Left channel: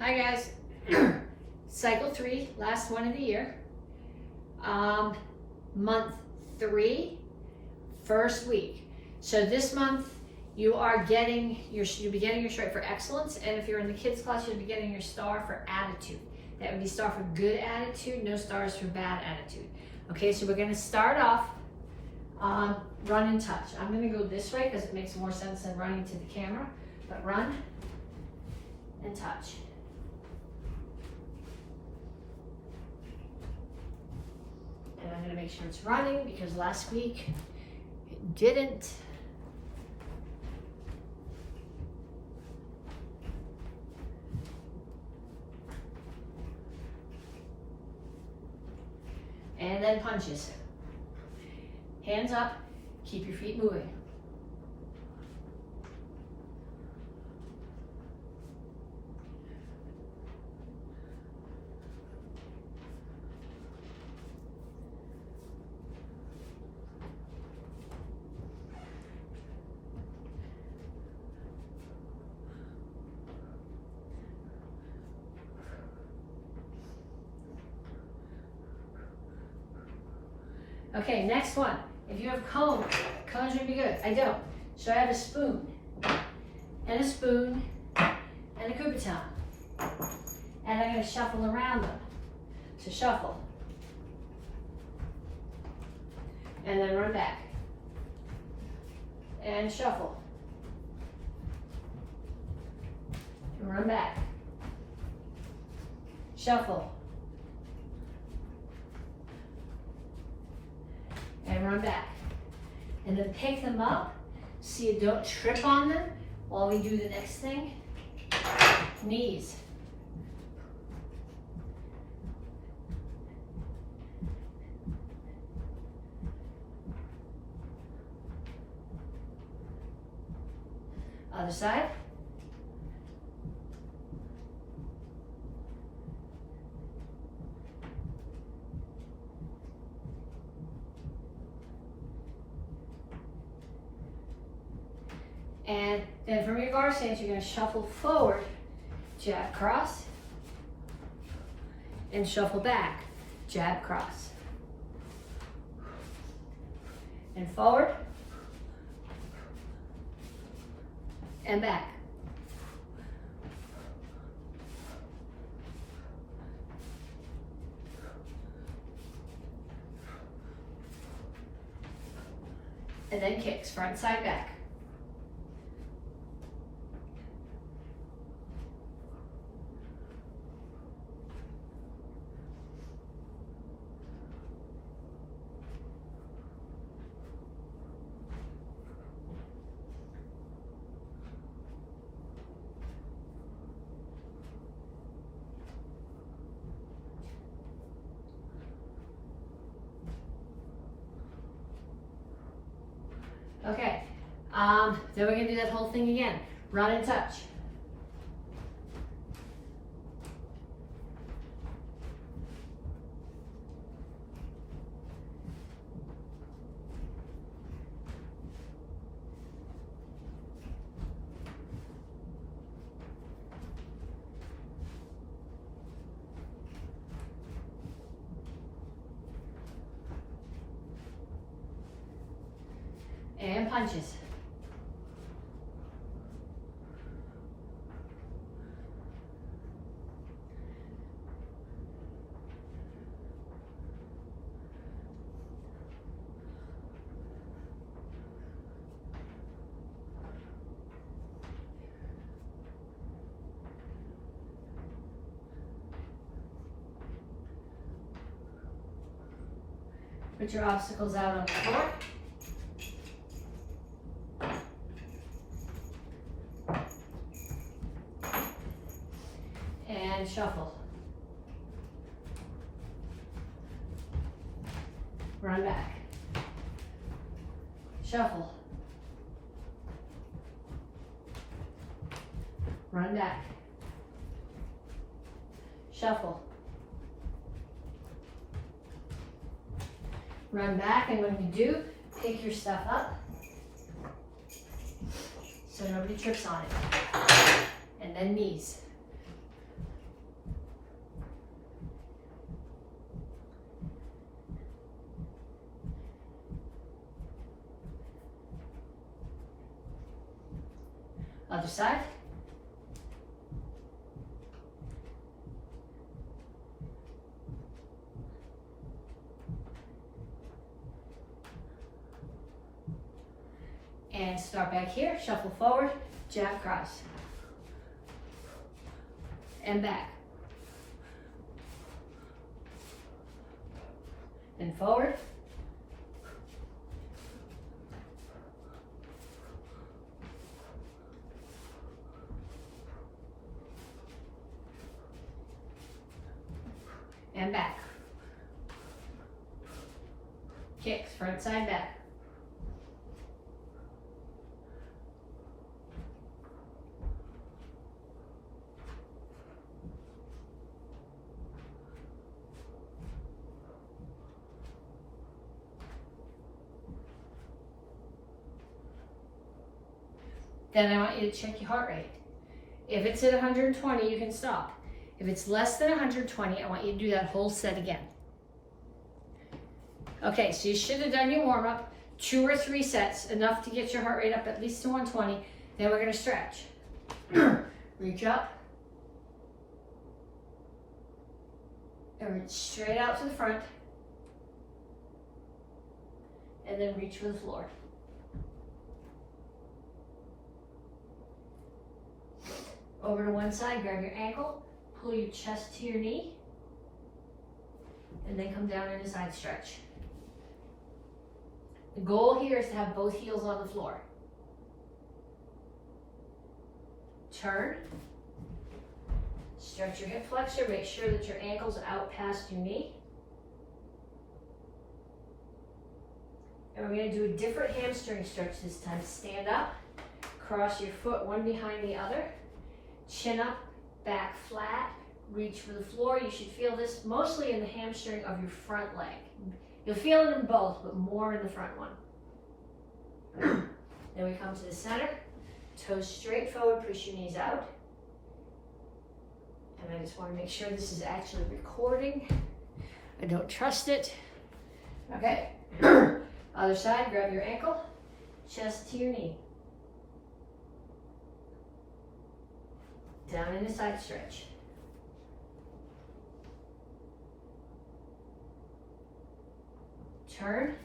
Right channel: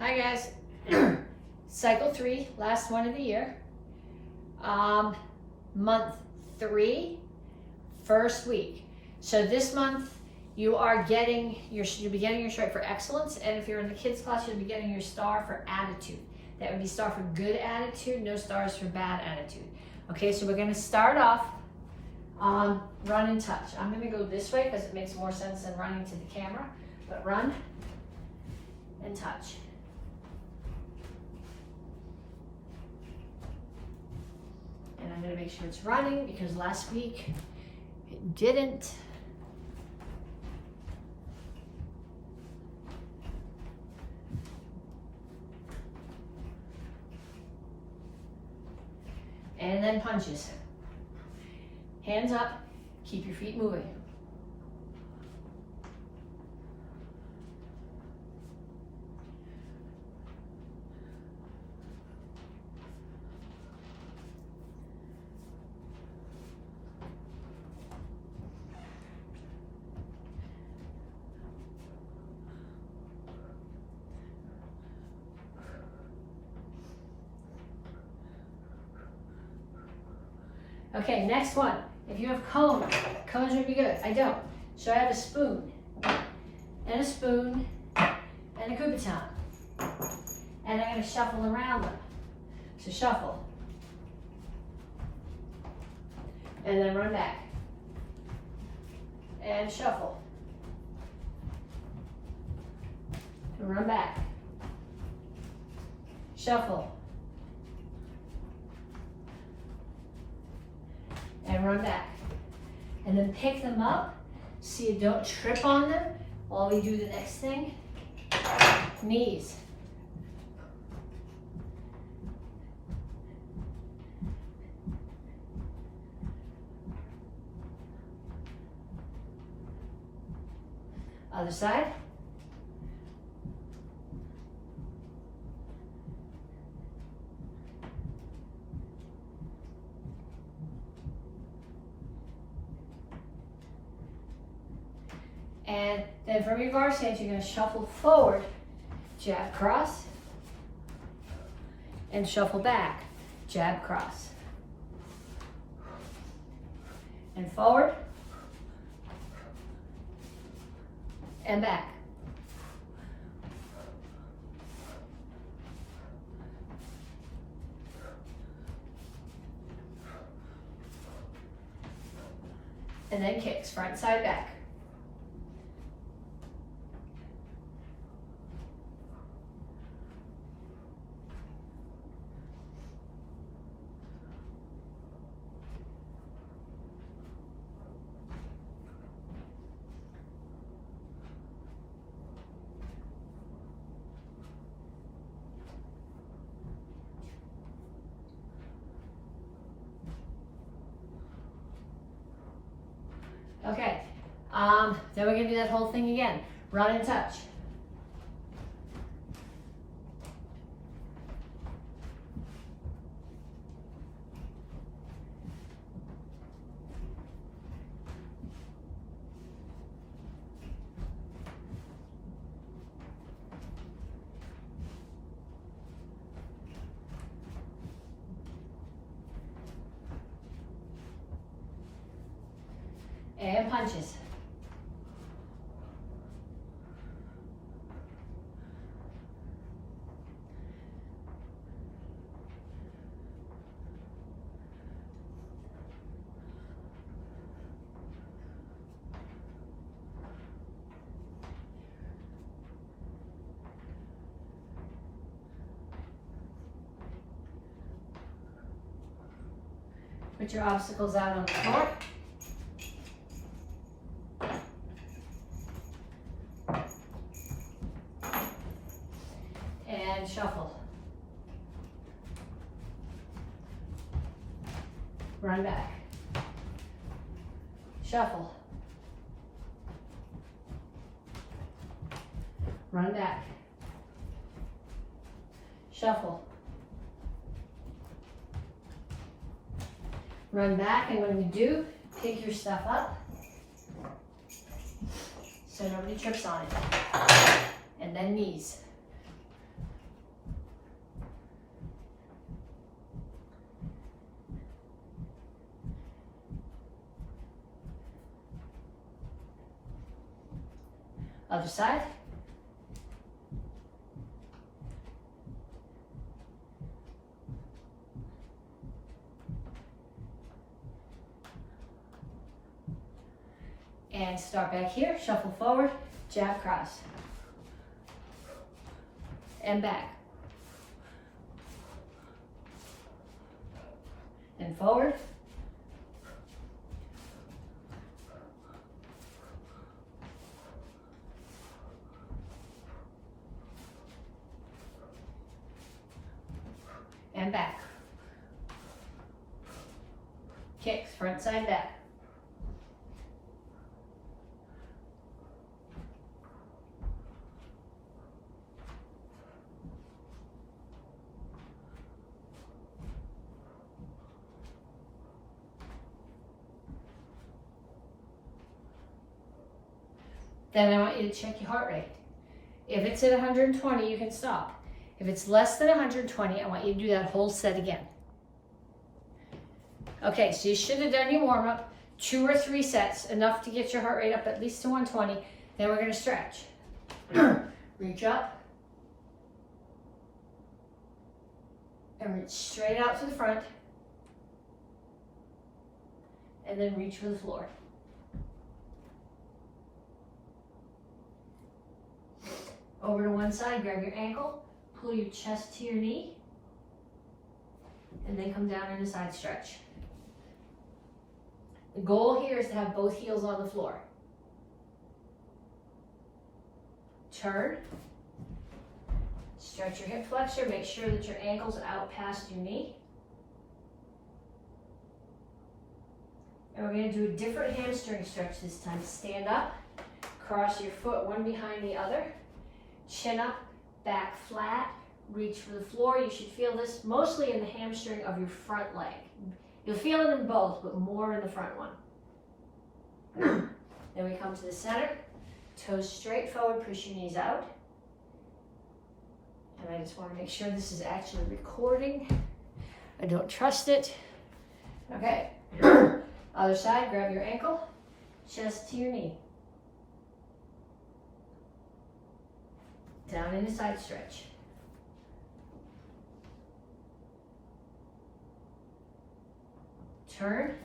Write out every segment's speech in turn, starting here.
Hi guys, cycle 3, last one of the year. Month 3, first week. So this month you are getting you'll be getting your stripe for excellence, and if you're in the kids class, you'll be getting your star for attitude. That would be star for good attitude, no stars for bad attitude. Okay, so we're gonna start off on run and touch. I'm gonna go this way because it makes more sense than running to the camera, but run and touch. And I'm going to make sure it's running because last week it didn't. And then punches. Hands up, keep your feet moving. Okay, next one. If you have cones would be good. I don't. So I have a spoon, and a spoon, and a Kubaton. And I'm going to shuffle around them. So shuffle. And then run back. And shuffle. And run back. Shuffle. And run back. And then pick them up so you don't trip on them while we do the next thing. Knees. Other side. And then from your guard stance, you're going to shuffle forward, jab, cross, and shuffle back, jab, cross. And forward, and back. And then kicks, front, side, back. Okay, then we're gonna do that whole thing again. Run and touch. And punches. Put your obstacles out on the floor. And shuffle. Run back. Shuffle. Run back. Shuffle. Run back, and when we do, pick your stuff up so nobody trips on it. And then knees. Other side. And start back here, shuffle forward, jab cross. And back. And forward. And back. Kicks, front, side, back. Then I want you to check your heart rate. If it's at 120, you can stop. If it's less than 120, I want you to do that whole set again. Okay, so you should have done your warm-up, 2 or 3 sets, enough to get your heart rate up at least to 120. Then we're gonna stretch. Reach up. And reach straight out to the front. And then reach for the floor. Over to one side, grab your ankle, pull your chest to your knee, and then come down in a side stretch. The goal here is to have both heels on the floor. Turn. Stretch your hip flexor, make sure that your ankle's out past your knee. And we're gonna do a different hamstring stretch this time. Stand up, cross your foot one behind the other. Chin up, back flat, reach for the floor. You should feel this mostly in the hamstring of your front leg. You'll feel it in both, but more in the front one. Then we come to the center, toes straight forward, push your knees out. And I just want to make sure this is actually recording. I don't trust it. Okay, other side, grab your ankle, chest to your knee. Down in a side stretch. Turn,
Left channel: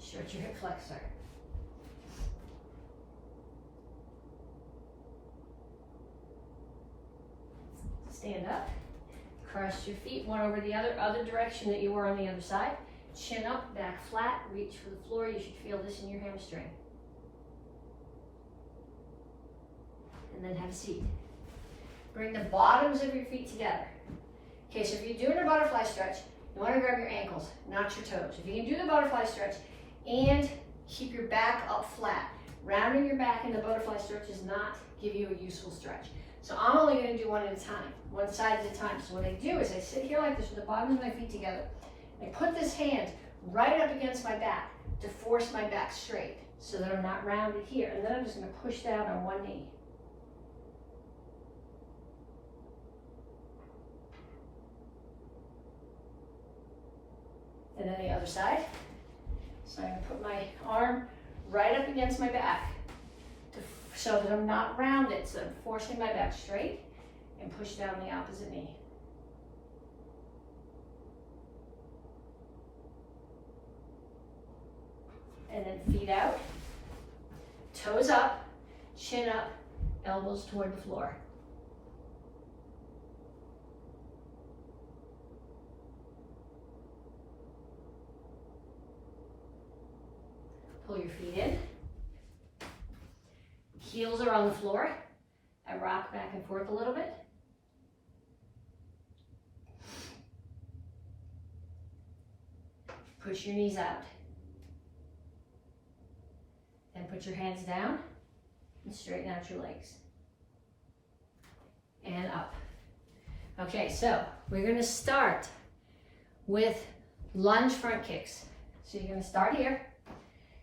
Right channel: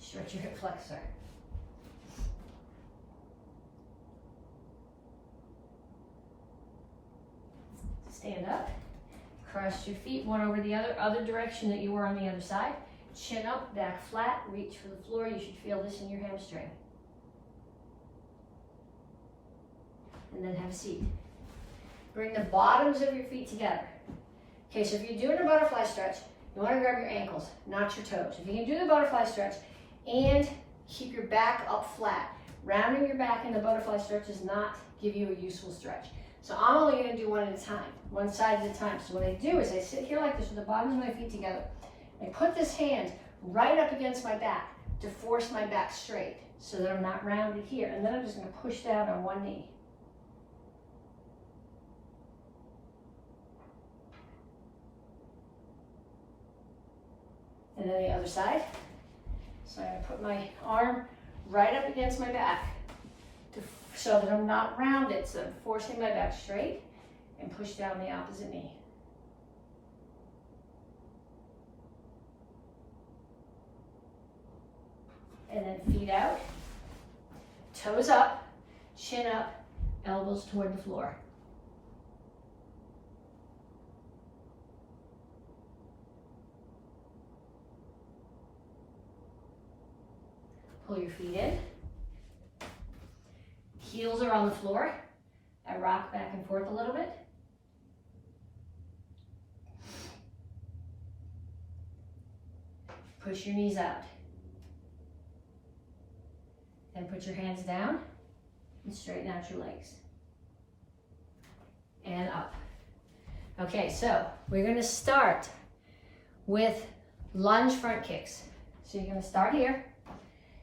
stretch your hip flexor. Stand up, cross your feet one over the other direction that you were on the other side. Chin up, back flat, reach for the floor. You should feel this in your hamstring. And then have a seat. Bring the bottoms of your feet together. Okay, so if you're doing a butterfly stretch, you want to grab your ankles, not your toes. If you can do the butterfly stretch and keep your back up flat, rounding your back in the butterfly stretch does not give you a useful stretch. So I'm only going to do one at a time, one side at a time. So what I do is I sit here like this with the bottoms of my feet together. I put this hand right up against my back to force my back straight so that I'm not rounded here. And then I'm just going to push down on one knee. And then the other side. So I'm going to put my arm right up against my back so that I'm not rounded. So I'm forcing my back straight and push down the opposite knee. And then feet out, toes up, chin up, elbows toward the floor. Pull your feet in. Heels are on the floor. I rock back and forth a little bit. Push your knees out. Then put your hands down and straighten out your legs. And up. Okay, so we're going to start with lunge front kicks. So you're going to start here.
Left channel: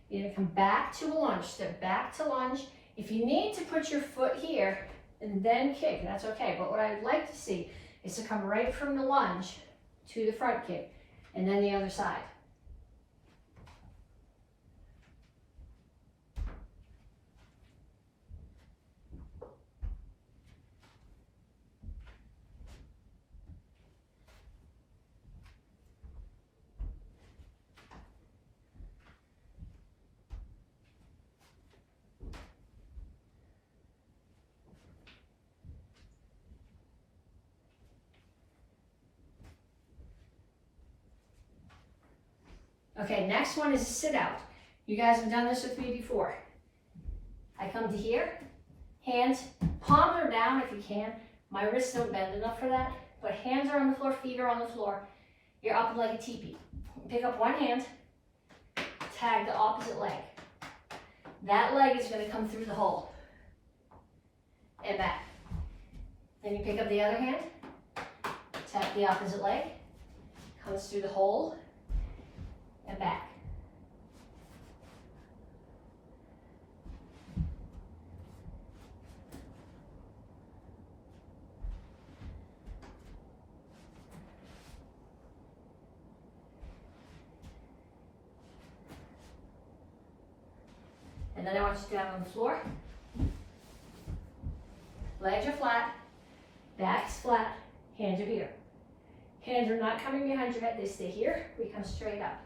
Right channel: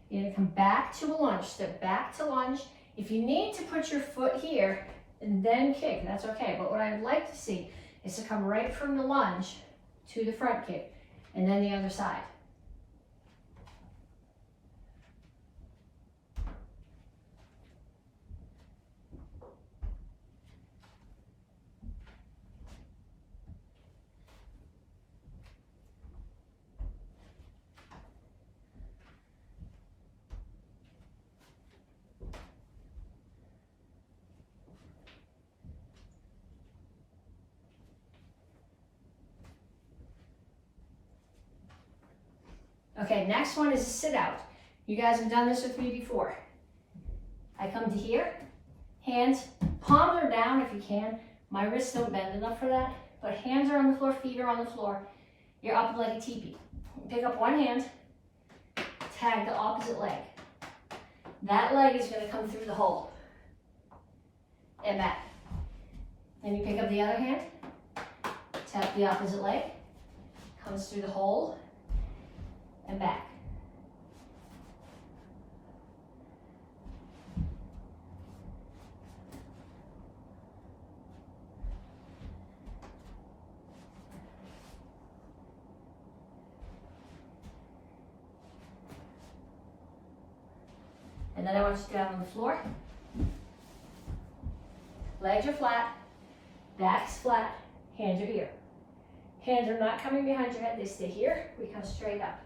You're going to come back to a lunge, step back to lunge. If you need to put your foot here and then kick, that's okay. But what I'd like to see is to come right from the lunge to the front kick and then the other side. Okay, next one is a sit out. You guys have done this with me before. I come to here, hands, palms are down if you can. My wrists don't bend enough for that, but hands are on the floor, feet are on the floor. You're up like a teepee. Pick up one hand, tag the opposite leg. That leg is going to come through the hole and back. Then you pick up the other hand, tap the opposite leg, comes through the hole and back. And then I want you down on the floor. Legs are flat, back's flat, hands are here. Hands are not coming behind your head, they stay here. We come straight up.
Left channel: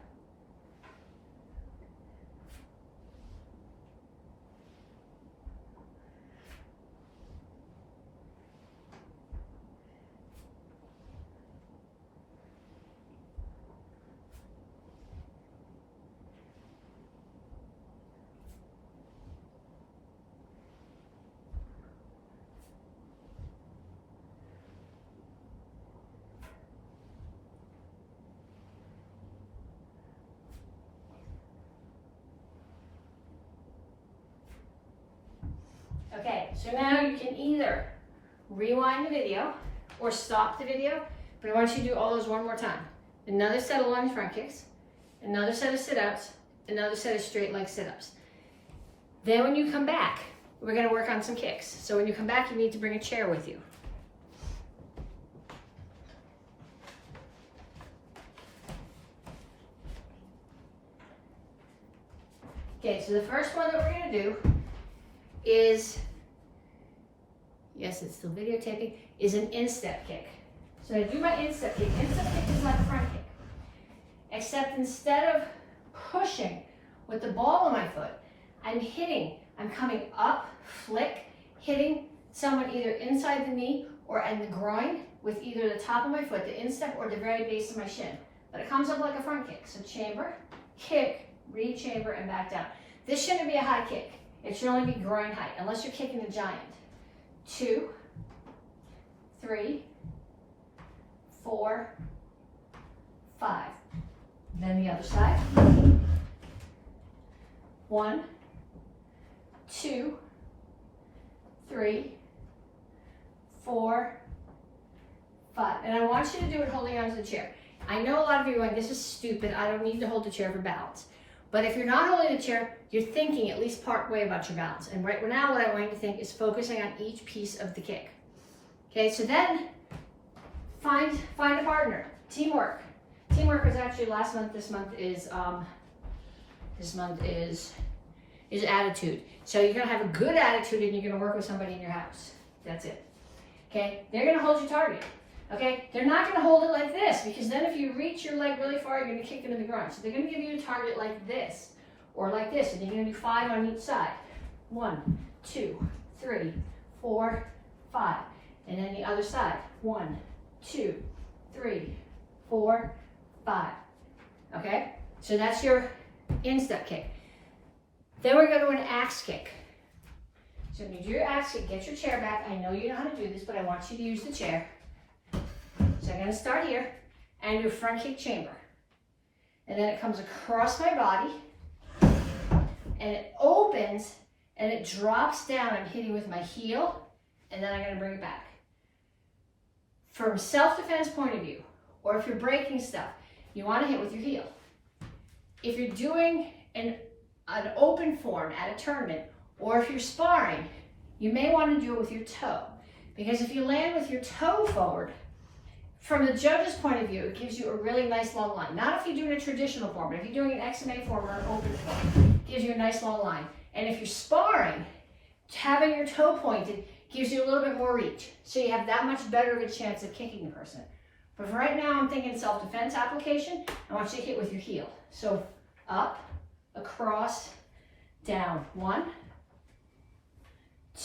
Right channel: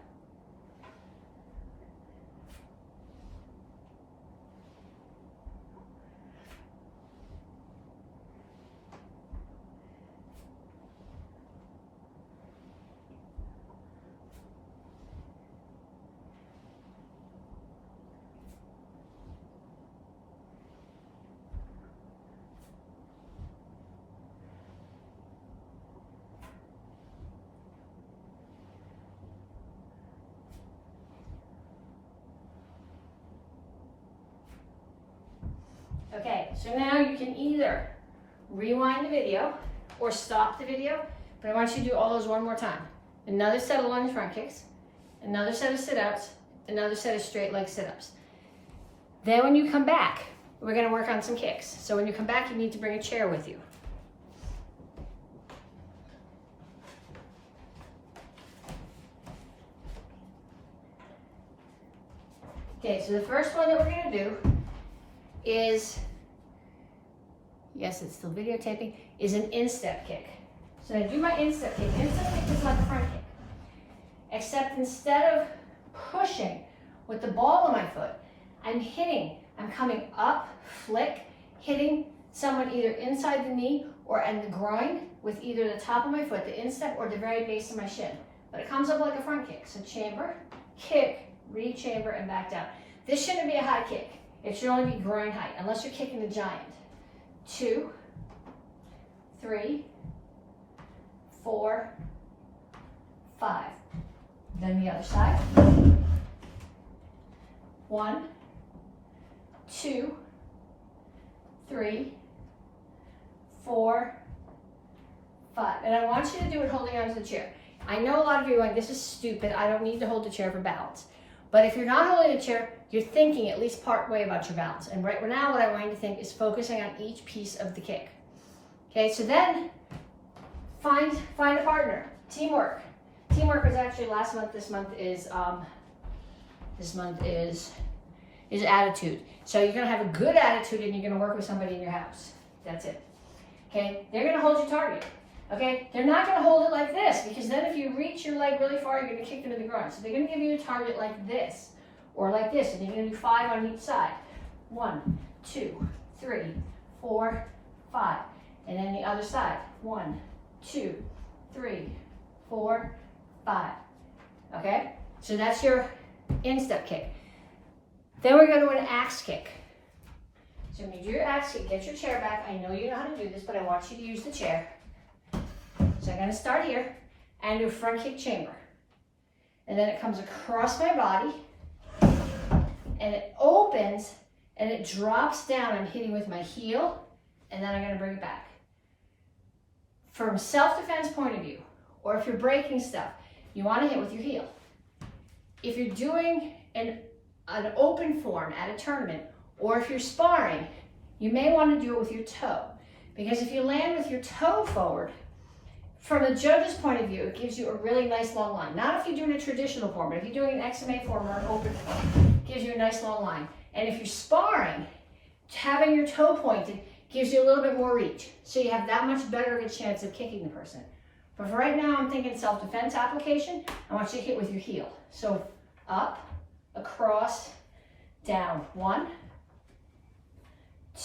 Okay, so now you can either rewind the video or stop the video, but I want you to do all those one more time. Another set of lunge front kicks, another set of sit-ups, another set of straight leg sit-ups. Then when you come back, we're gonna work on some kicks. So when you come back, you need to bring a chair with you. Okay, so the first one that we're gonna do is, yes, it's still videotaping, is an instep kick. So I do my instep kick. Instep kick is not a front kick. Except instead of pushing with the ball of my foot, I'm hitting. I'm coming up, flick, hitting someone either inside the knee or in the groin with either the top of my foot, the instep, or the very base of my shin. But it comes up like a front kick. So chamber, kick, re-chamber, and back down. This shouldn't be a high kick. It should only be groin height, unless you're kicking a giant. 2, 3, 4, 5. Then the other side. 1, 2, 3, 4, 5. And I want you to do it holding onto the chair. I know a lot of you are like, this is stupid. I don't need to hold the chair for balance. But if you're not holding a chair, you're thinking at least part way about your balance. And right now what I want you to think is focusing on each piece of the kick. Okay, so then find a partner. Teamwork. Teamwork was actually last month. This month is attitude. So you're gonna have a good attitude and you're gonna work with somebody in your house. That's it. Okay, they're gonna hold your target. Okay, they're not gonna hold it like this, because then if you reach your leg really far, you're gonna kick them in the groin. So they're gonna give you a target like this, or like this, and you're gonna do 5 on each side. 1, 2, 3, 4, 5. And then the other side. 1, 2, 3, 4, 5. Okay, so that's your instep kick. Then we're going to an axe kick. So when you do your axe kick, get your chair back. I know you know how to do this, but I want you to use the chair. So I'm going to start here and do a front kick chamber. And then it comes across my body and it opens and it drops down. I'm hitting with my heel and then I'm going to bring it back. From self-defense point of view, or if you're breaking stuff, you want to hit with your heel. If you're doing an open form at a tournament, or if you're sparring, you may want to do it with your toe. Because if you land with your toe forward, from the judge's point of view, it gives you a really nice long line. Not if you're doing a traditional form, but if you're doing an XMA form or an open form, it gives you a nice long line. And if you're sparring, having your toe pointed gives you a little bit more reach. So you have that much better of a chance of kicking the person. But for right now, I'm thinking self-defense application. I want you to hit with your heel. So up, across, down. 1,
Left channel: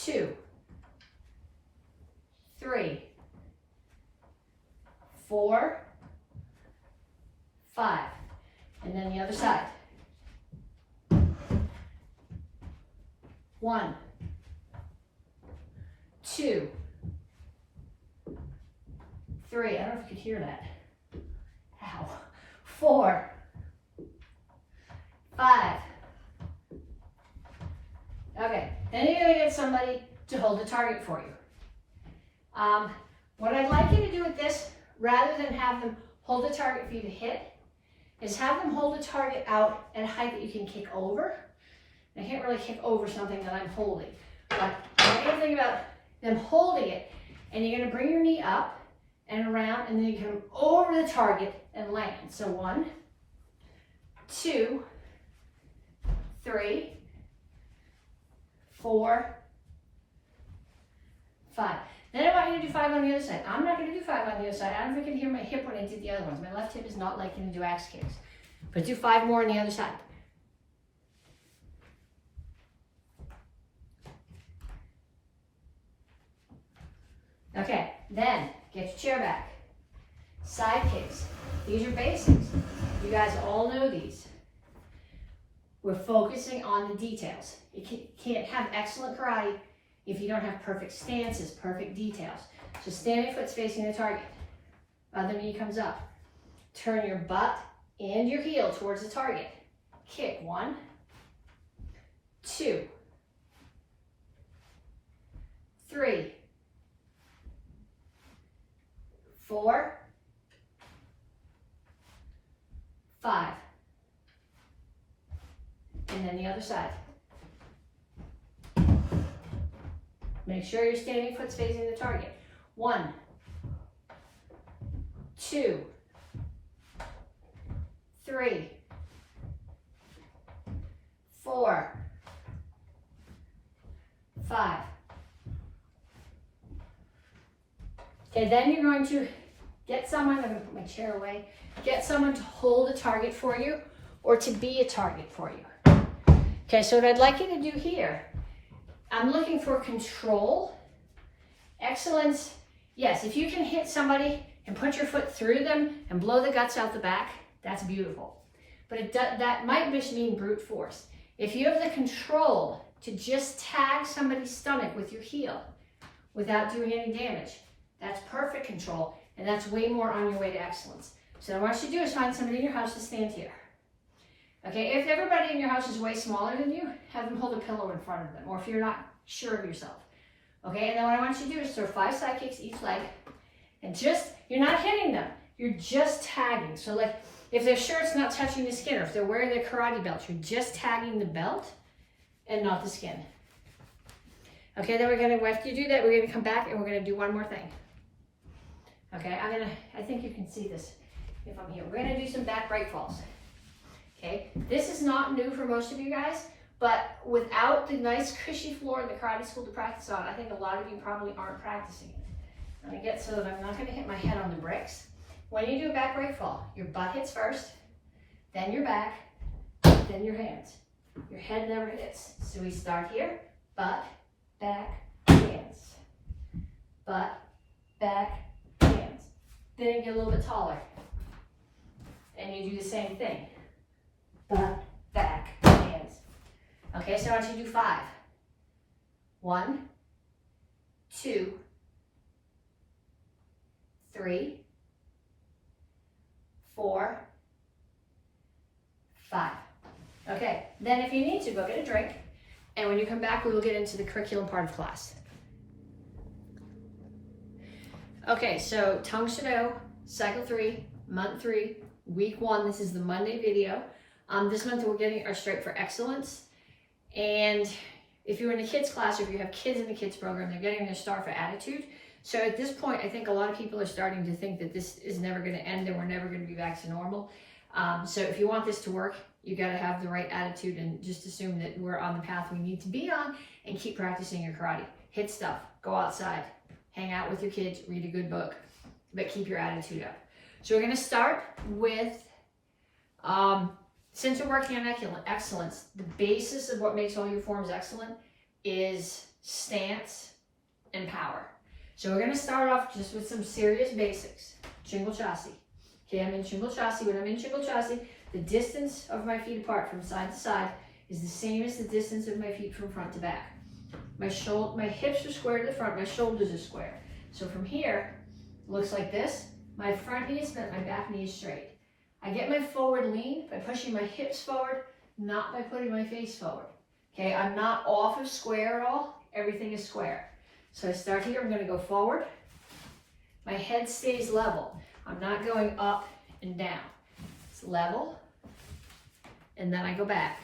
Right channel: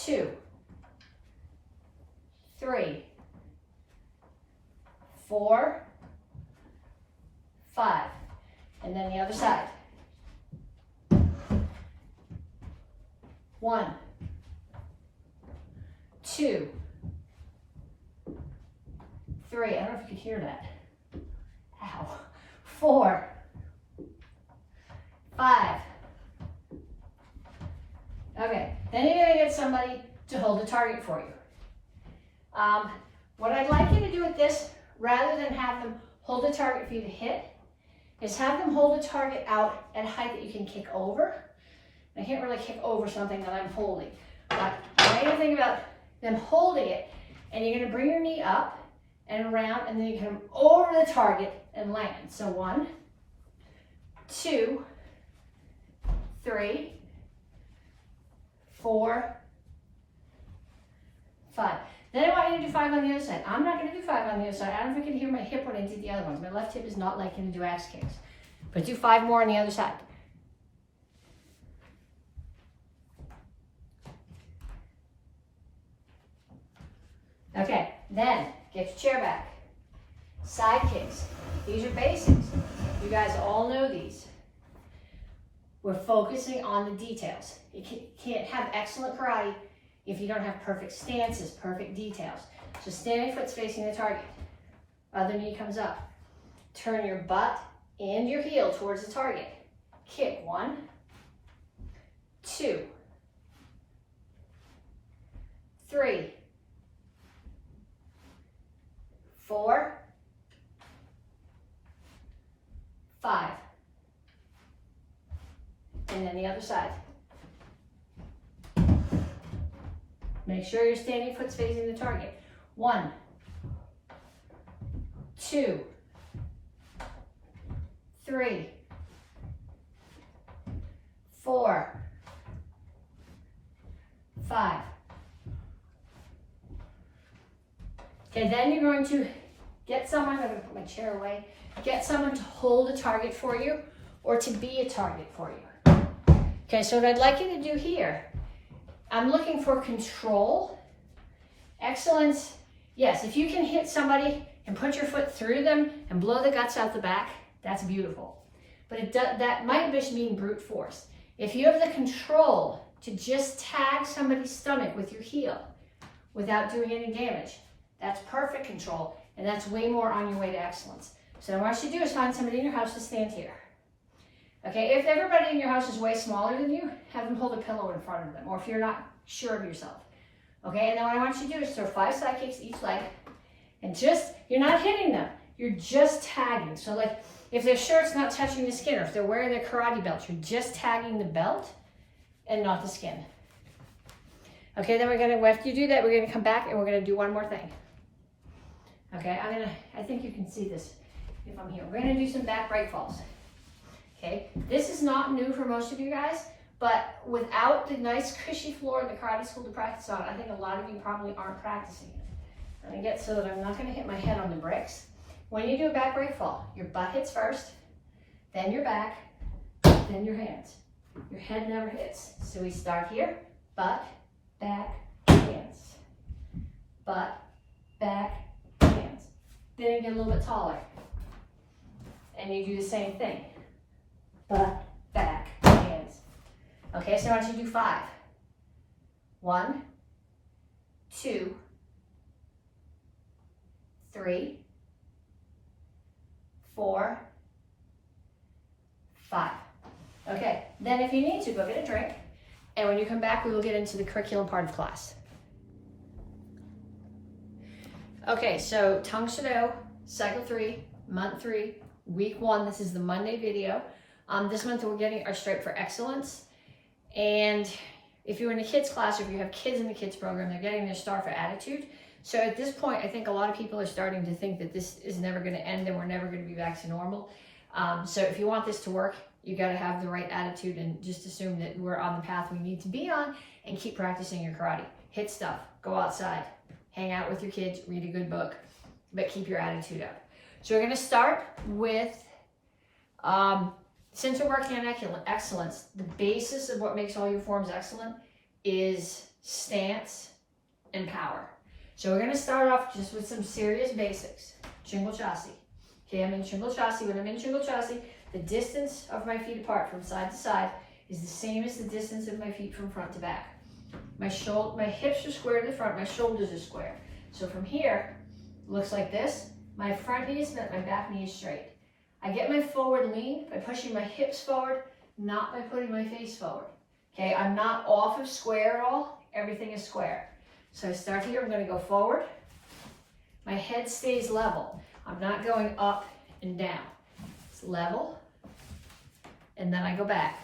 2, 3, 4, 5. And then the other side. 1, 2, 3. I don't know if you could hear that. Ow. 4, 5. Okay, then you're gonna get somebody to hold the target for you. What I'd like you to do with this, rather than have them hold the target for you to hit, is have them hold the target out at a height that you can kick over. I can't really kick over something that I'm holding, but I want you to think about them holding it, and you're gonna bring your knee up and around, and then you come over the target and land. So 1, 2, 3, 4, 5. Then I want you to do 5 on the other side. I'm not going to do 5 on the other side. I don't think you can hear my hip when I did the other ones. My left hip is not liking to do axe kicks. But do 5 more on the other side. Okay, then get your chair back. Side kicks. These are basics. You guys all know these. We're focusing on the details. You can't have excellent karate if you don't have perfect stances, perfect details. So standing foot's facing the target. Other knee comes up. Turn your butt and your heel towards the target. Kick. 1, 2, 3, 4, 5. And then the other side. Make sure your standing foot's facing the target. 1, 2, 3, 4, 5. Okay, then you're going to get someone, I'm going to put my chair away, get someone to hold a target for you or to be a target for you. Okay, so what I'd like you to do here, I'm looking for control, excellence. Yes, if you can hit somebody and put your foot through them and blow the guts out the back, that's beautiful. But that might just mean brute force. If you have the control to just tag somebody's stomach with your heel without doing any damage, that's perfect control, and that's way more on your way to excellence. So what you do is find somebody in your house to stand here. Okay, if everybody in your house is way smaller than you, have them hold a pillow in front of them, or if you're not sure of yourself. Okay, and then what I want you to do is throw 5 side kicks each leg, and just, you're not hitting them, you're just tagging. So like, if their shirt's not touching the skin, or if they're wearing their karate belt, you're just tagging the belt and not the skin. Okay, then after you do that, we're gonna come back and we're gonna do one more thing. Okay, I think you can see this if I'm here. We're gonna do some back break falls. Okay, this is not new for most of you guys, but without the nice cushy floor in the karate school to practice on, I think a lot of you probably aren't practicing it. I'm gonna get so that I'm not gonna hit my head on the bricks. When you do a back break fall, your butt hits first, then your back, then your hands. Your head never hits. So we start here, butt, back, hands. Butt, back, hands. Then you get a little bit taller. And you do the same thing. Butt, back, hands. Okay, so now I want you to do 5. 1, 2, 3, 4, 5. Okay, then if you need to, go get a drink. And when you come back, we will get into the curriculum part of class. Okay, so Tang Soo Do, cycle 3, month 3, week 1. This is the Monday video. This month we're getting our stripe for excellence. And if you're in a kids class, or if you have kids in the kids program, they're getting their star for attitude. So at this point, I think a lot of people are starting to think that this is never going to end and we're never going to be back to normal. So if you want this to work, you got to have the right attitude and just assume that we're on the path we need to be on and keep practicing your karate. Hit stuff, go outside, hang out with your kids, read a good book, but keep your attitude up. So we're going to start with, since we're working on excellence, the basis of what makes all your forms excellent is stance and power. So we're going to start off just with some serious basics. Shingle chassis. Okay, I'm in shingle chassis. When I'm in shingle chassis, The distance of my feet apart from side to side is the same as the distance of my feet from front to back. My hips are square to the front, my shoulders are square. So from here, it looks like this. My front knee is bent, my back knee is straight. I get my forward lean by pushing my hips forward, not by putting my face forward. Okay, I'm not off of square at all. Everything is square. So I start here, I'm gonna go forward. My head stays level. I'm not going up and down. It's level, and then I go back.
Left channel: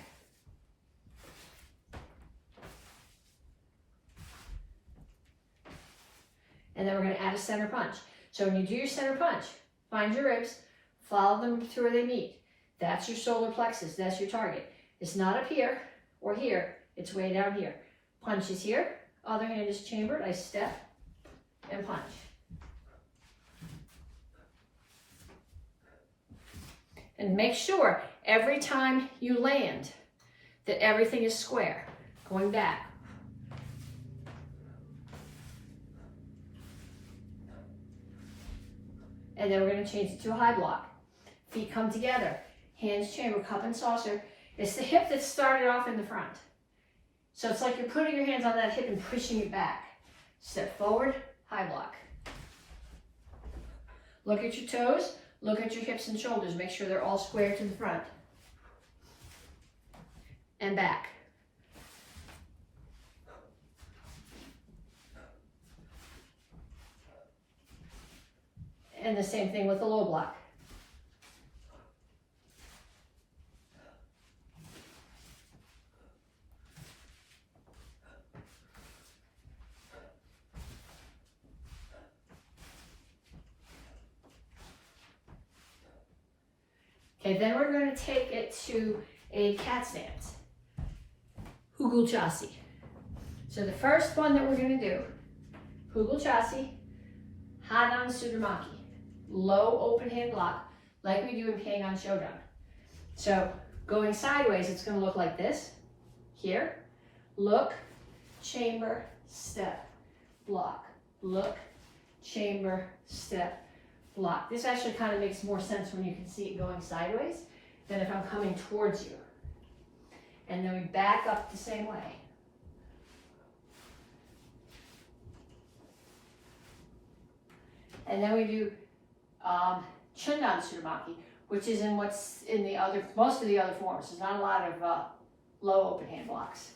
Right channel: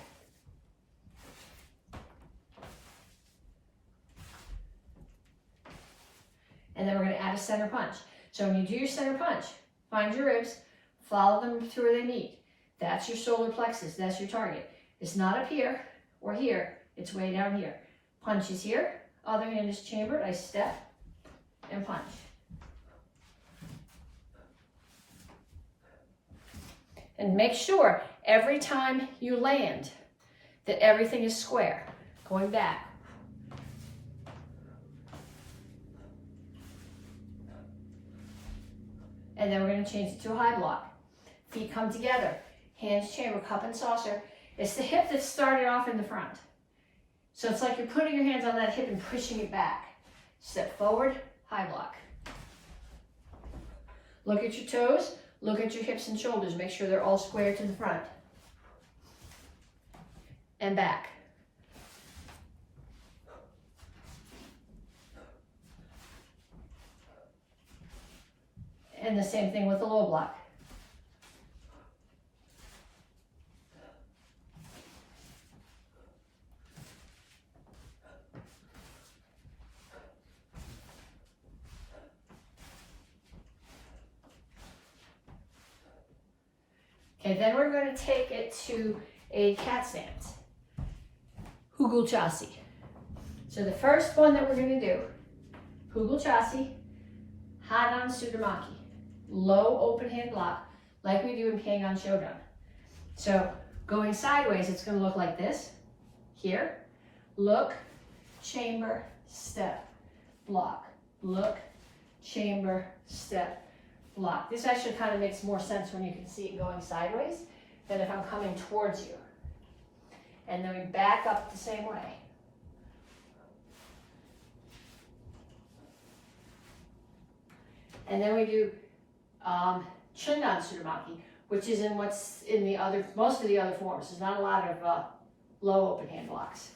And then we're gonna add a center punch. So when you do your center punch, find your ribs, follow them to where they meet. That's your solar plexus, that's your target. It's not up here or here, it's way down here. Punch is here, other hand is chambered, I step and punch. And make sure every time you land that everything is square. Going back. And then we're going to change it to a high block. Feet come together, hands chamber, cup and saucer. It's the hip that started off in the front. So it's like you're putting your hands on that hip and pushing it back. Step forward, high block. Look at your toes, look at your hips and shoulders. Make sure they're all square to the front. And back. And the same thing with the low block. Okay, then we're going to take it to a cat stance. Hugul Chasi. So the first one that we're going to do, Hugul Chasi, Hadan Sudamaki. Low open hand block, like we do in Pyeongan Shodan. So going sideways, it's going to look like this. Here, look, chamber, step, block. Look, chamber, step, block. This actually kind of makes more sense when you can see it going sideways than if I'm coming towards you. And then we back up the same way. And then we do Chindan Sudamaki, which is in most of the other forms. There's not a lot of low open hand blocks.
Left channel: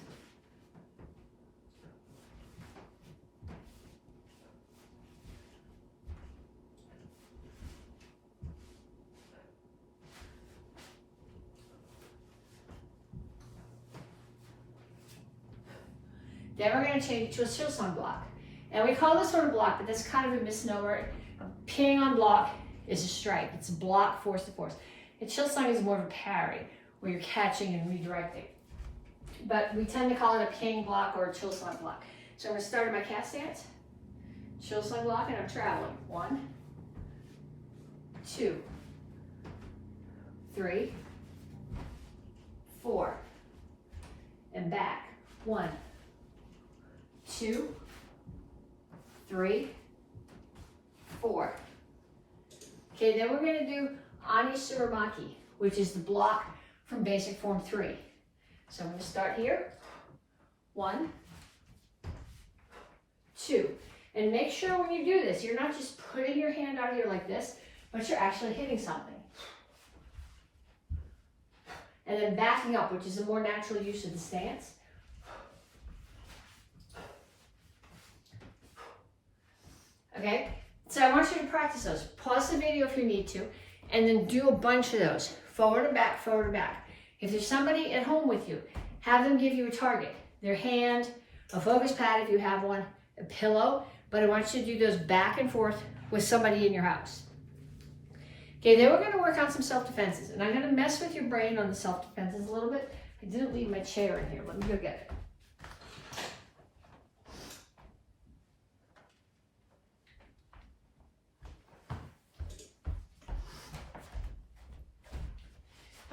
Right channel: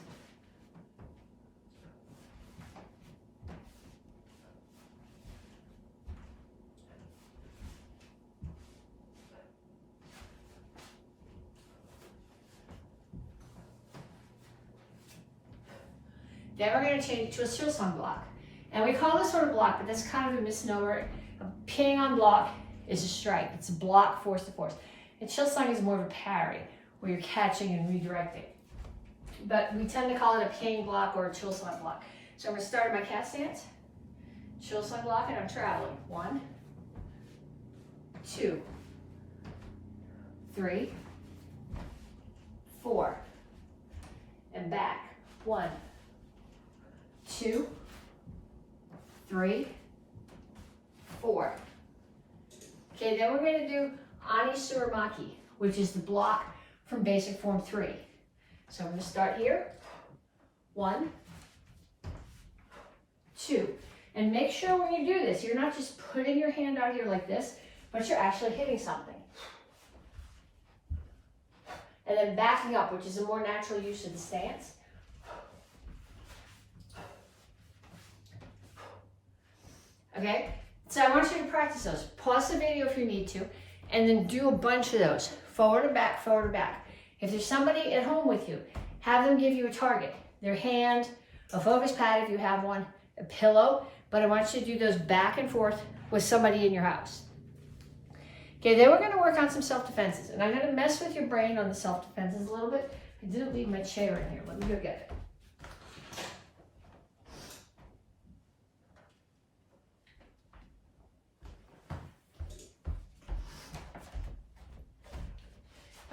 Then we're going to change it to a Chosan block. And we call this one a block, but that's kind of a misnomer. A Pyeongan block is a strike. It's a block, force to force. And Chosan is more of a parry, where you're catching and redirecting. But we tend to call it a Pyeongan block or a Chosan block. So I'm going to start in my cat stance. Chosan block, and I'm traveling. 1, 2, 3, 4, and back. 1, 2, 3, 4. Okay, then we're going to do Ani Suramaki, which is the block from basic form 3. So I'm going to start here. 1, 2. And make sure when you do this, you're not just putting your hand out here like this, but you're actually hitting something. And then backing up, which is a more natural use of the stance. Okay, so I want you to practice those. Pause the video if you need to, and then do a bunch of those. Forward and back, forward and back. If there's somebody at home with you, have them give you a target. Their hand, a focus pad if you have one, a pillow, but I want you to do those back and forth with somebody in your house. Okay, then we're gonna work on some self-defenses, and I'm gonna mess with your brain on the self-defenses a little bit. I didn't leave my chair in here, let me go get it.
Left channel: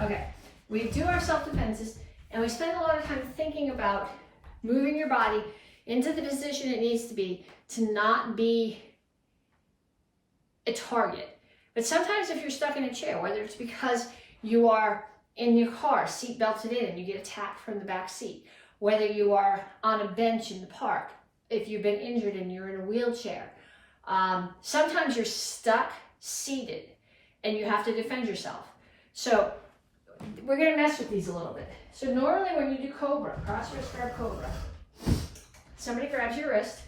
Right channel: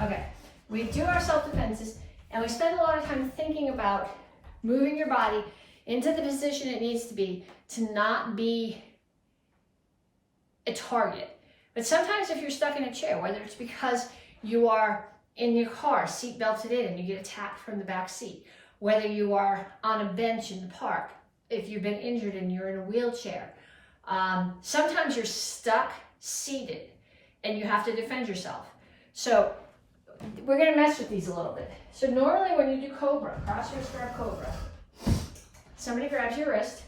Okay, we do our self-defenses, and we spend a lot of time thinking about moving your body into the position it needs to be to not be a target. But sometimes if you're stuck in a chair, whether it's because you are in your car, seat belted in, and you get attacked from the back seat, whether you are on a bench in the park, if you've been injured and you're in a wheelchair. Sometimes you're stuck seated and you have to defend yourself. So we're gonna mess with these a little bit. So normally when you do cobra, cross wrist grab cobra, somebody grabs your wrist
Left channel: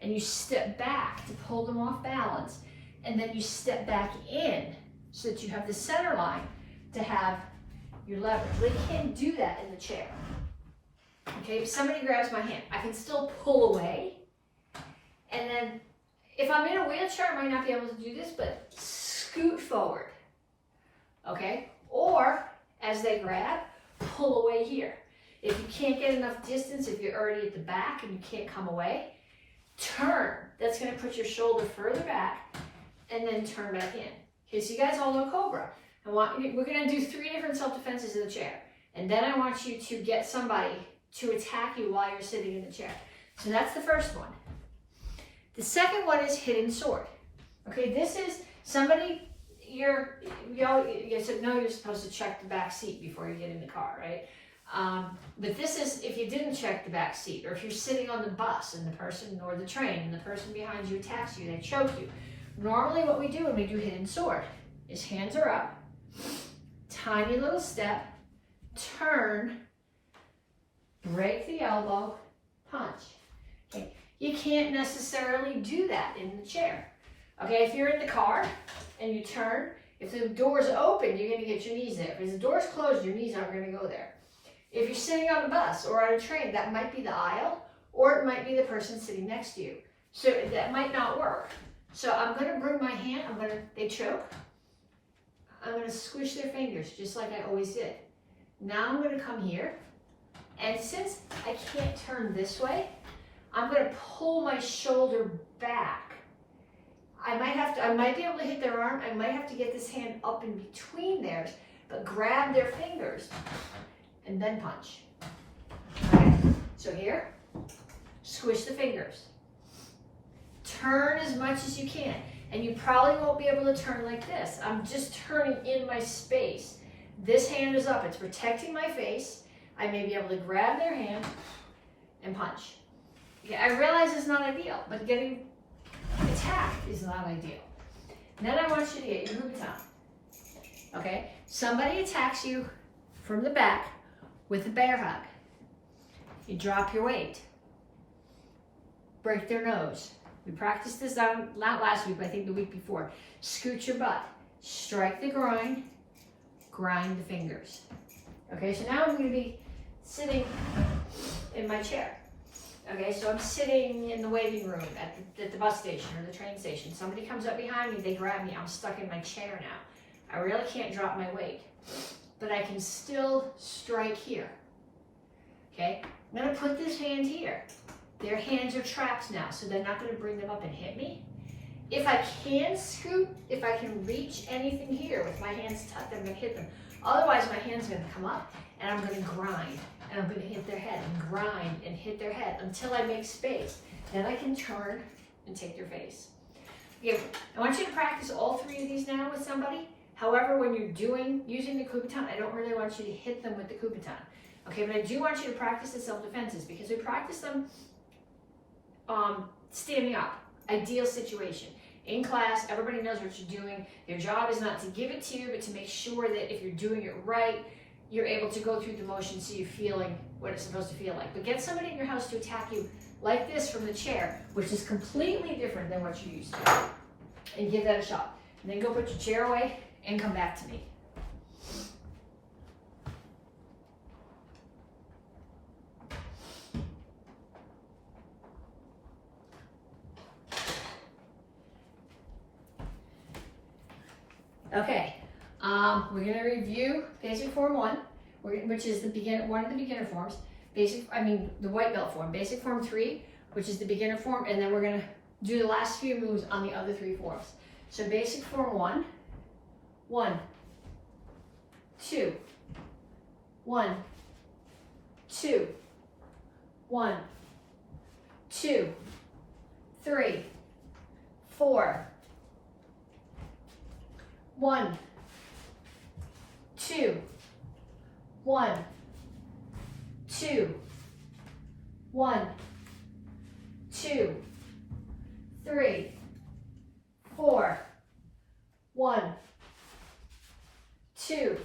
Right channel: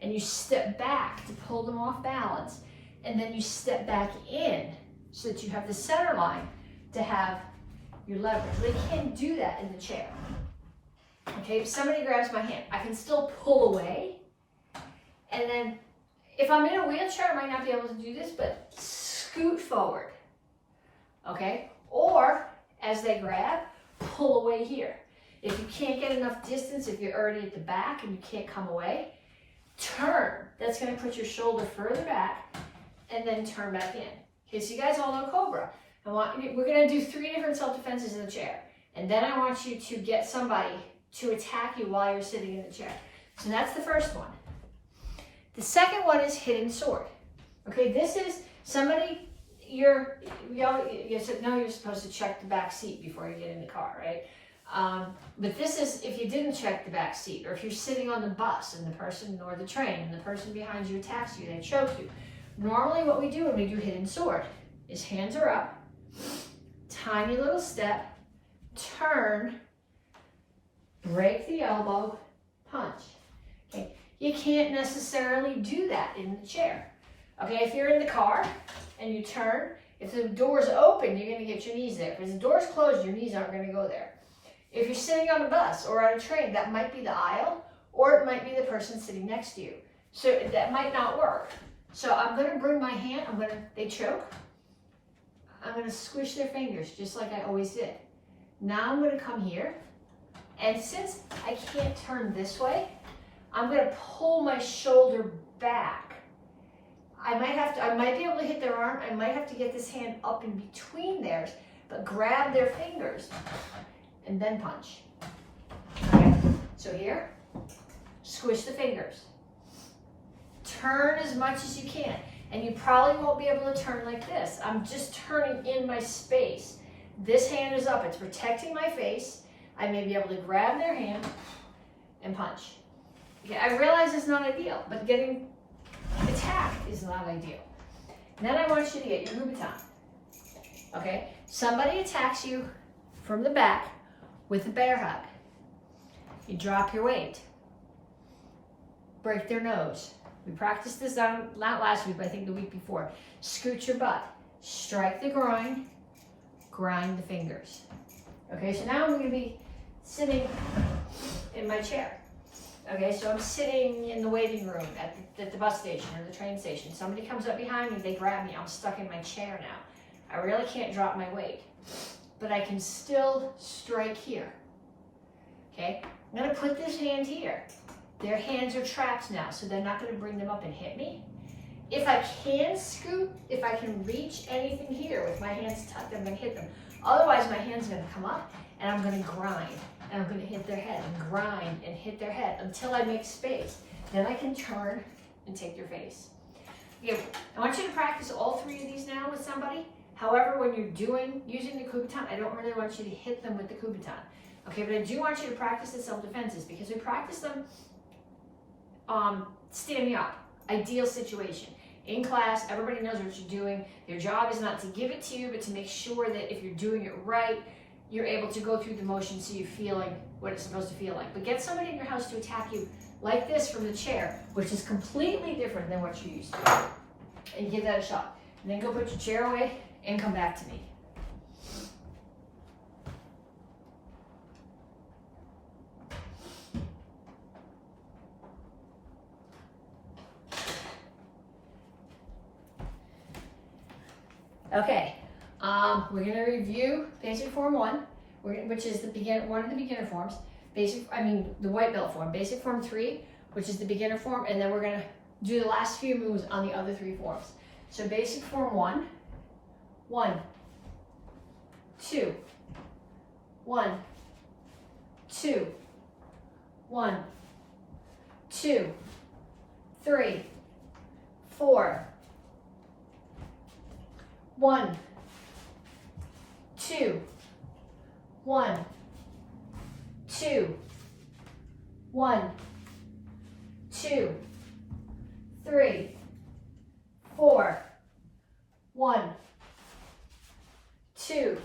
and you step back to pull them off balance, and then you step back in so that you have the center line to have your leverage. They can't do that in the chair. Okay, if somebody grabs my hand, I can still pull away, and then if I'm in a wheelchair, I might not be able to do this, but scoot forward, okay? Or, as they grab, pull away here. If you can't get enough distance, if you're already at the back and you can't come away, turn. That's gonna put your shoulder further back, and then turn back in. Okay, so you guys all know cobra. We're gonna do 3 different self-defenses in the chair, and then I want you to get somebody to attack you while you're sitting in the chair. So that's the first one. The second one is hidden sword. Okay, this is somebody, you said, no, you're supposed to check the back seat before you get in the car, right? But this is if you didn't check the back seat, or if you're sitting on the bus and the person, or the train, and the person behind you attacks you, they choke you. Normally what we do when we do hidden sword is hands are up, tiny little step, turn, break the elbow, punch. Okay, you can't necessarily do that in the chair. Okay, if you're in the car and you turn, if the door's open, you're gonna get your knees there. If the door's closed, your knees aren't gonna go there. If you're sitting on a bus or on a train, that might be the aisle, or it might be the person sitting next to you. So that might not work. So I'm gonna bring my hand, they choke. I'm gonna squish their fingers just like I always did. Now I'm gonna come here, and since I can't turn this way, I'm gonna pull my shoulder back. I might be able to hit their arm, I might have to get this hand up in between theirs, but grab their fingers and then punch. Okay, so here, squish the fingers. Turn as much as you can. And you probably won't be able to turn like this. I'm just turning in my space. This hand is up, it's protecting my face. I may be able to grab their hand and punch. Okay, I realize it's not ideal, but getting attacked is not ideal. And then I want you to get your kubutan. Okay, somebody attacks you from the back with a bear hug. You drop your weight. Break their nose. We practiced this not last week, but I think the week before. Scoot your butt, strike the groin, grind the fingers. Okay, so now I'm going to be sitting in my chair. Okay, so I'm sitting in the waiting room at the bus station or the train station. Somebody comes up behind me, they grab me, I'm stuck in my chair now. I really can't drop my weight, but I can still strike here. Okay, I'm going to put this hand here. Their hands are trapped now, so they're not going to bring them up and hit me. If I can scoot, if I can reach anything here with my hands tucked, I'm going to hit them. Otherwise, my hand's going to come up, and I'm going to grind, and I'm going to hit their head, and grind, and hit their head until I make space. Then I can turn and take their face. Okay, I want you to practice all 3 of these now with somebody. However, when you're using the kubutan, I don't really want you to hit them with the kubutan. Okay, but I do want you to practice the self-defenses because we practice them standing up, ideal situation. In class, everybody knows what you're doing. Your job is not to give it to you, but to make sure that if you're doing it right, you're able to go through the motions so you're feeling what it's supposed to feel like. But get somebody in your house to attack you like this from the chair, which is completely different than what you're used to. And give that a shot. And then go put your chair away and come back to me. Okay, we're going to review basic form 1, which is one of the beginner forms. The white belt form. Basic form 3, which is the beginner form, and then we're going to do the last few moves on the other 3 forms. So basic form 1, 1, 2, 1, 2, 1, 2, 3, 4, 1, 2, 1, 2, 1, 2, 3, 4, 1, 2,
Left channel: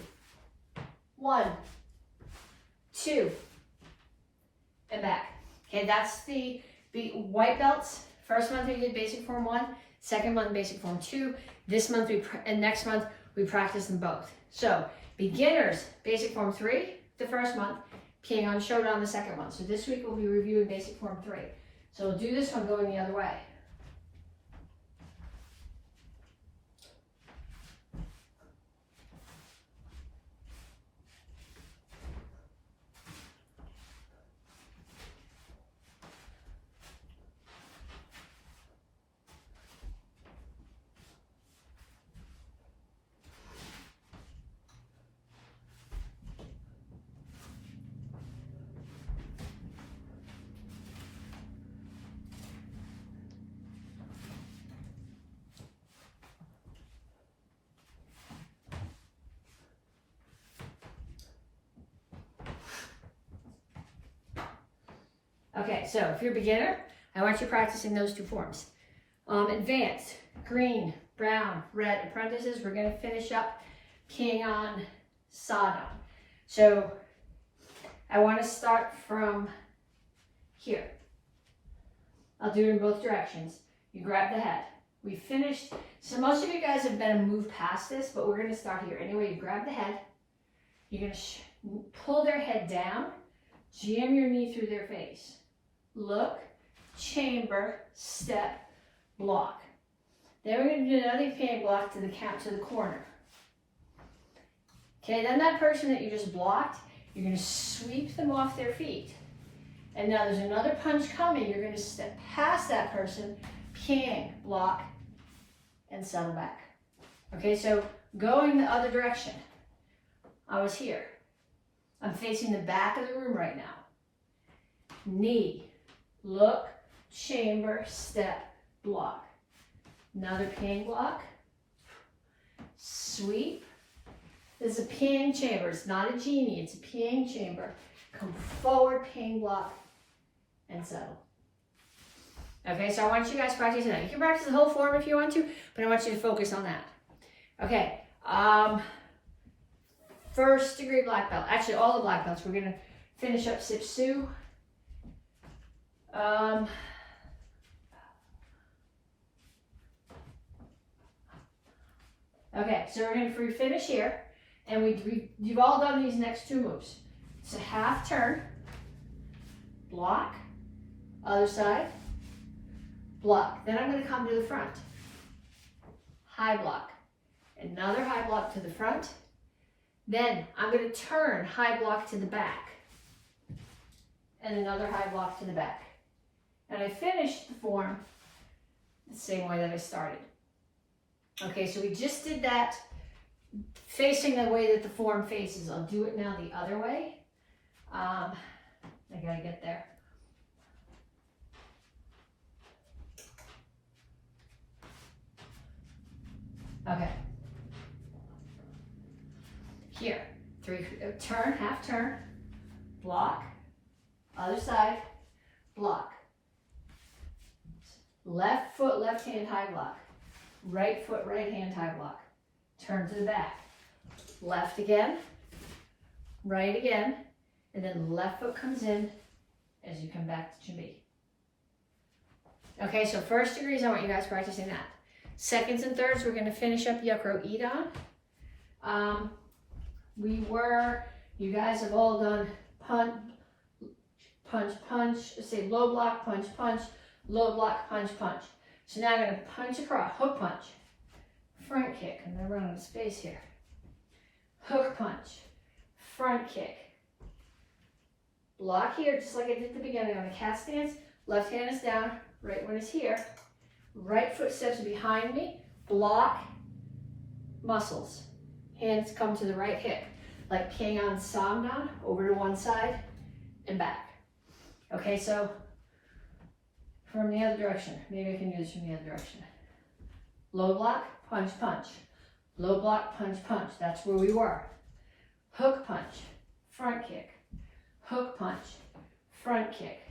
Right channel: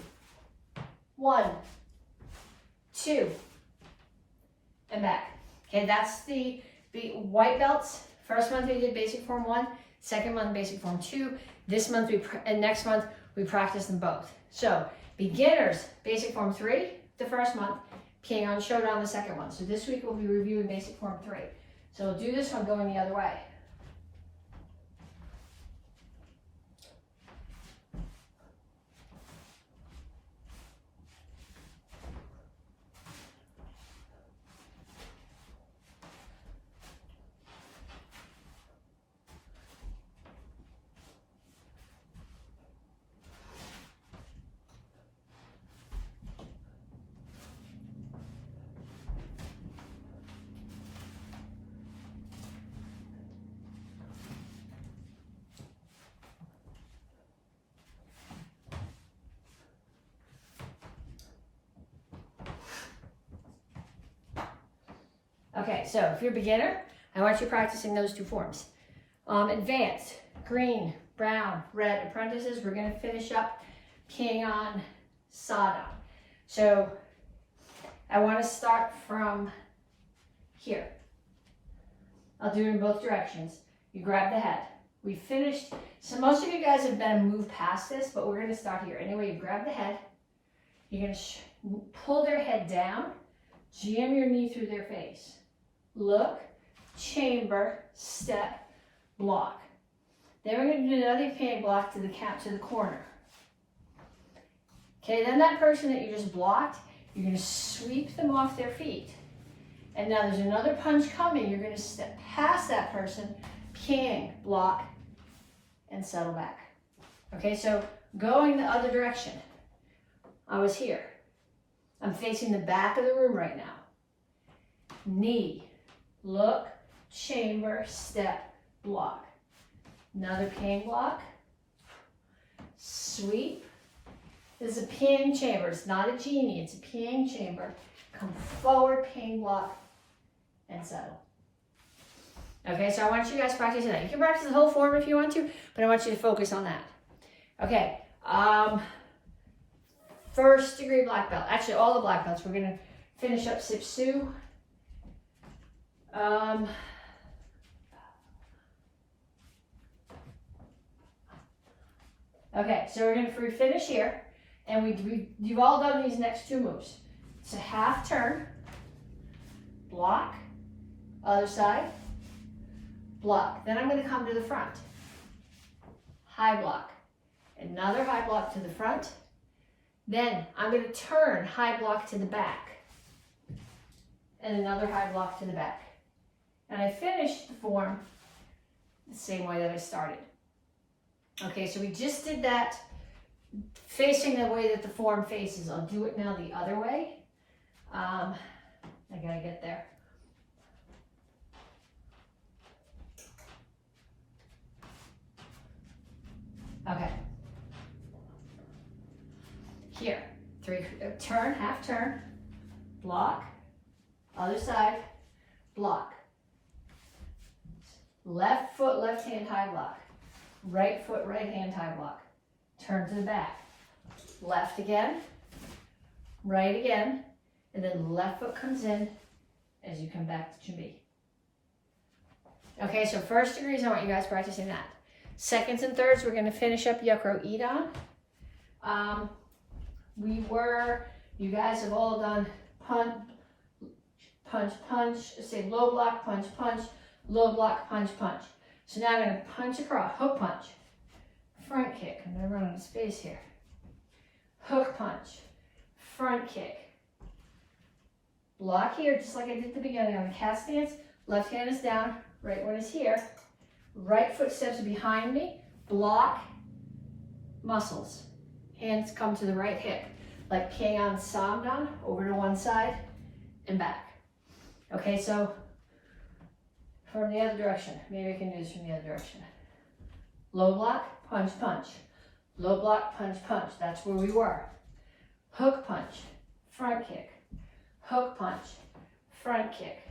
1, 2, and back. Okay, that's the white belts. First month we did basic form 1, second month basic form 2. This month and next month we practice them both. So beginners basic form 3 the first month, Peeing on Showdown the second one. So this week we'll be reviewing basic form 3. So we'll do this one going the other way. Okay, so if you're a beginner, I want you practicing those two forms. Advanced, green, brown, red apprentices, we're going to finish up Peeing on Sawdown. So I want to start from here. I'll do it in both directions. You grab the head. We finished, so most of you guys have been moved past this, but we're going to start here. Anyway, you grab the head. You're going to pull their head down, jam your knee through their face. Look, chamber, step, block. Then we're going to do another peeing block to the corner. Okay, then that person that you just blocked, you're going to sweep them off their feet. And now there's another punch coming. You're going to step past that person, peeing, block, and settle back. Okay, so going the other direction. I was here. I'm facing the back of the room right now. Knee, look, chamber, step, block. Another peeing block. Sweep. This is a peeing chamber. It's not a genie. It's a peeing chamber. Come forward, peeing block, and settle. Okay, so I want you guys to practice that. You can practice the whole form if you want to, but I want you to focus on that. Okay. First degree black belt. Actually, all the black belts. We're going to finish up Sip Sue. Okay, so we're going to finish here, and you've all done these next two moves. It's a half turn, block, other side, block. Then I'm going to come to the front, high block, another high block to the front. Then I'm going to turn high block to the back, and another high block to the back. And I finished the form the same way that I started. Okay, so we just did that facing the way that the form faces. I'll do it now the other way. I gotta get there. Okay. Here, turn, half turn, block, other side, block. Left foot, left hand, high block. Right foot, right hand, high block. Turn to the back. Left again, right again, and then left foot comes in as you come back to Jimmy. Okay, so first degrees, I want you guys practicing that. Seconds and thirds, we're going to finish up Yuckro Eat On. You guys have all done punch, punch, punch, say low block, punch, punch, low block, punch, punch. So now I'm going to punch across, hook punch, front kick. I'm going to run out of space here. Hook punch, front kick. Block here, just like I did at the beginning on the cat stance. Left hand is down, right one is here. Right foot steps behind me, block, muscles. Hands come to the right hip, like Peeing on Sawdown, over to one side and back. Okay, so from the other direction. Maybe I can do this from the other direction. Low block, punch, punch. Low block, punch, punch. That's where we were. hook punch, front kick, hook punch, front kick.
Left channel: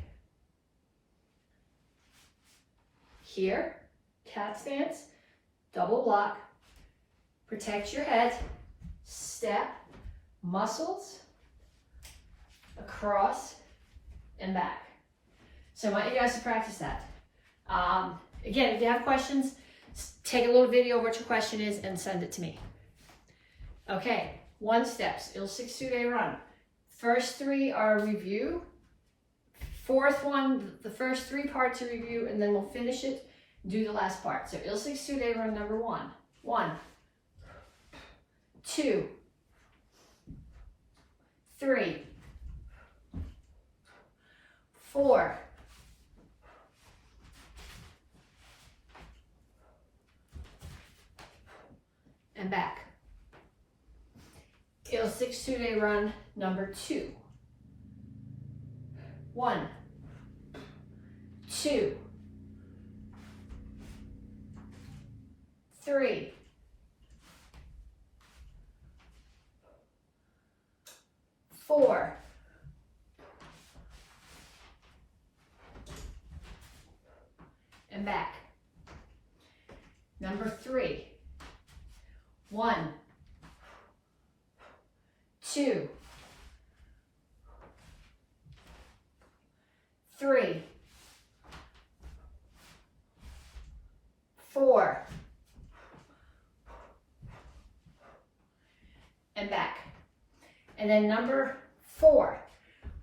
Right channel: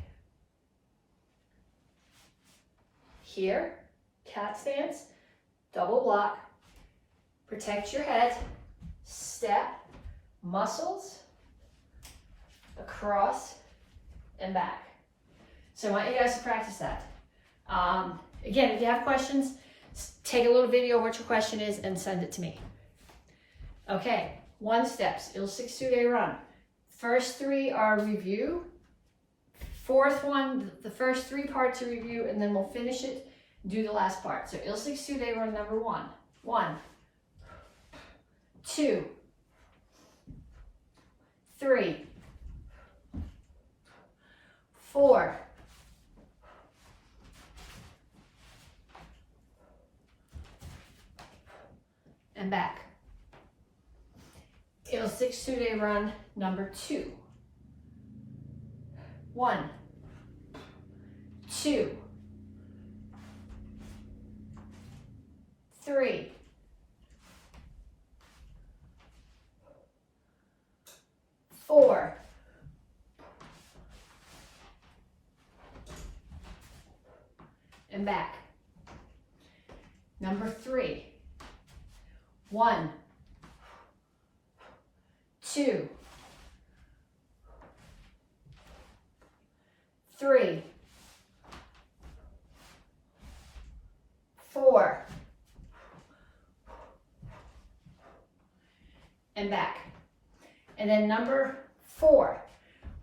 Here, cat stance, double block, protect your head, step, muscles, across and back. So I want you guys to practice that. Again, if you have questions, take a little video of what your question is and send it to me. Okay, 1 steps, Il 6-2-day run. First 3 are review. 4th one, the first 3 parts are review, and then we'll finish it, do the last part. So Il 6-2-day run number 1. 1, 2, 3, 4, 'and back. Il 6-2-day run number 2. 1, 2, 3, 4, 'and back. Number 3. 1, 2, 3, 4, and back. And then number 4,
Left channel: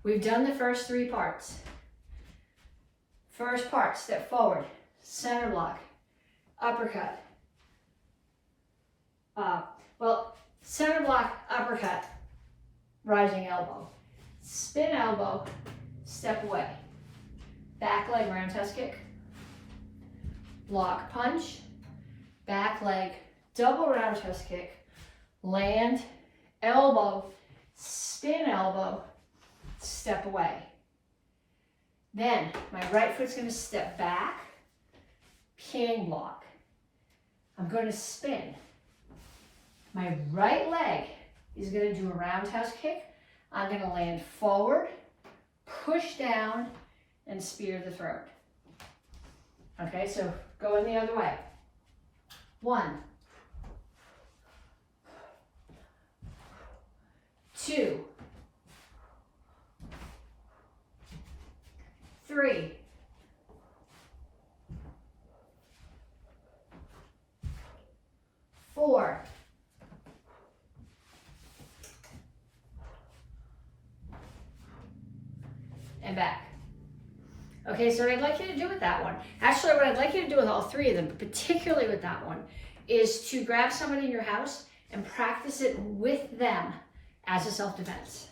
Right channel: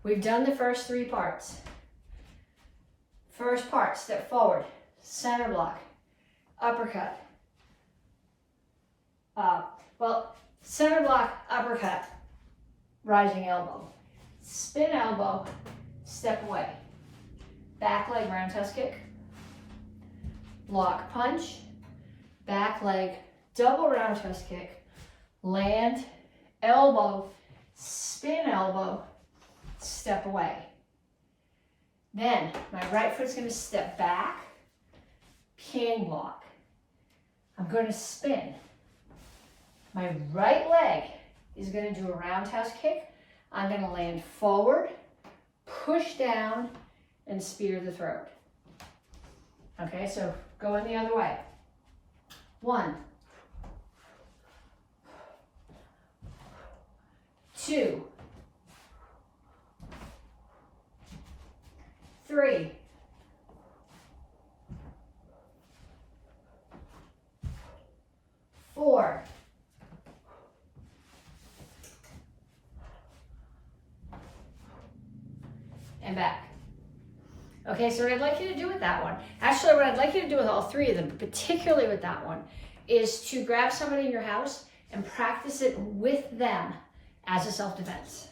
we've done the first 3 parts. First part, step forward, center block, uppercut. Center block, uppercut, rising elbow. Spin elbow, step away. Back leg roundhouse kick. Block punch, back leg, double roundhouse kick. Land, elbow, spin elbow, step away. Then my right foot's going to step back, ping block. I'm going to spin. My right leg is going to do a roundhouse kick. I'm going to land forward, push down, and spear the throat. Okay, so going the other way. 1, 2, 3, 4, and back. Okay, so what I'd like you to do with that one, actually what I'd like you to do with all 3 of them, but particularly with that one, is to grab somebody in your house and practice it with them as a self-defense.